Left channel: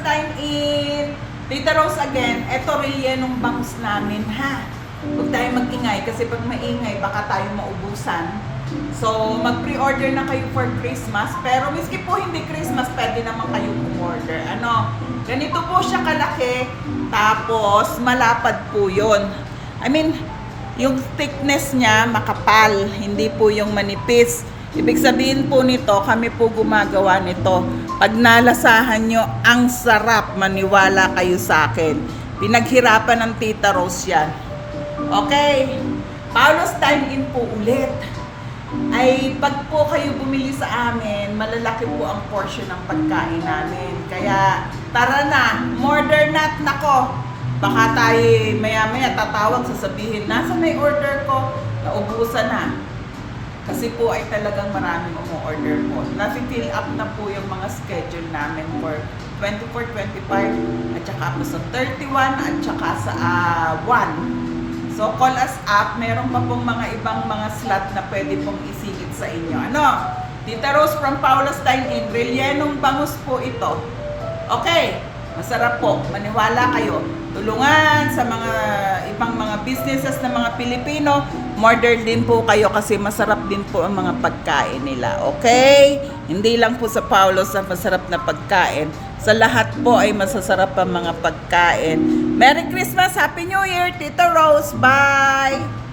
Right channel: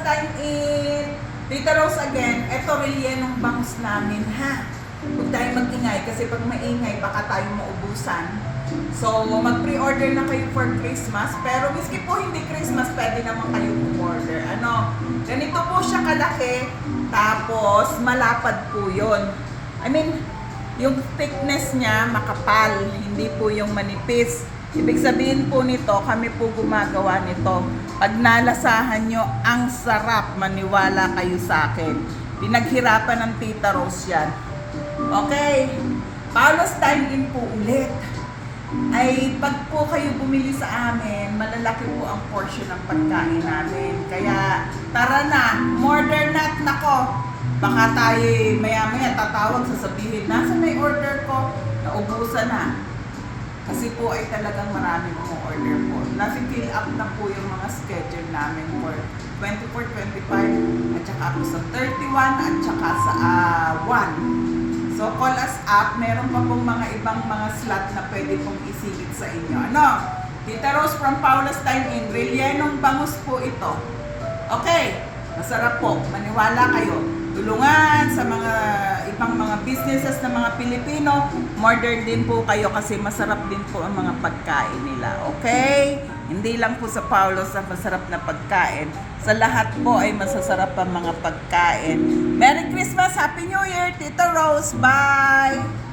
Dine-In, Tita Rose again. Ito rellenong bangus namin ha. Huwag tayo mag-ingay kasi pag maingay baka tayo maubusan. So mag-pre-order na kayo for Christmas. Pero miski po hindi Christmas, pwede naman kayong umorder. Ano, ganito po siya kalaki. Tapos malapad po yun. I mean, yung thickness niya makapal, hindi po yung manipis. Ibig sabihin po nito, kami po gumagawa nito. Pag nalasahan nyo, ang sarap, maniwala kayo sa akin. Pinaghirapan ng Tita Rose yan. Okay, Paolo's Dine-In po ulit. Ay pag po kayo bumili sa amin, malalaki po ang portion ng pagkain namin. Kaya tara na, order na. Nako, baka tayo maya-maya tatawag, sasabihin, nasa na yung order ko? Naubusan na. Kasi po ay talagang maraming umu-order po. Nasi-fill up na po yung mga schedule namin for 24, 25, at saka po sa 31, at saka sa 1. So call us up, meron pa pong mga ibang mga slot na pwede pong isingit sa inyo. Ano? Tita Rose from Paolo's Dine-In, rellenong bangus po ito. Okay, masarap po, maniwala kayo. Tulungan sa mga ibang mga businesses na mga Pilipino, order din po kayo kasi masarap din po ang mga pagkain nila. Okay? Hindi lang po sa Paolo's na masarap na pagkain. Sa lahat po ay masasarap ang mga pagkain. Merry Christmas! Happy New Year! Tita Rose! Bye!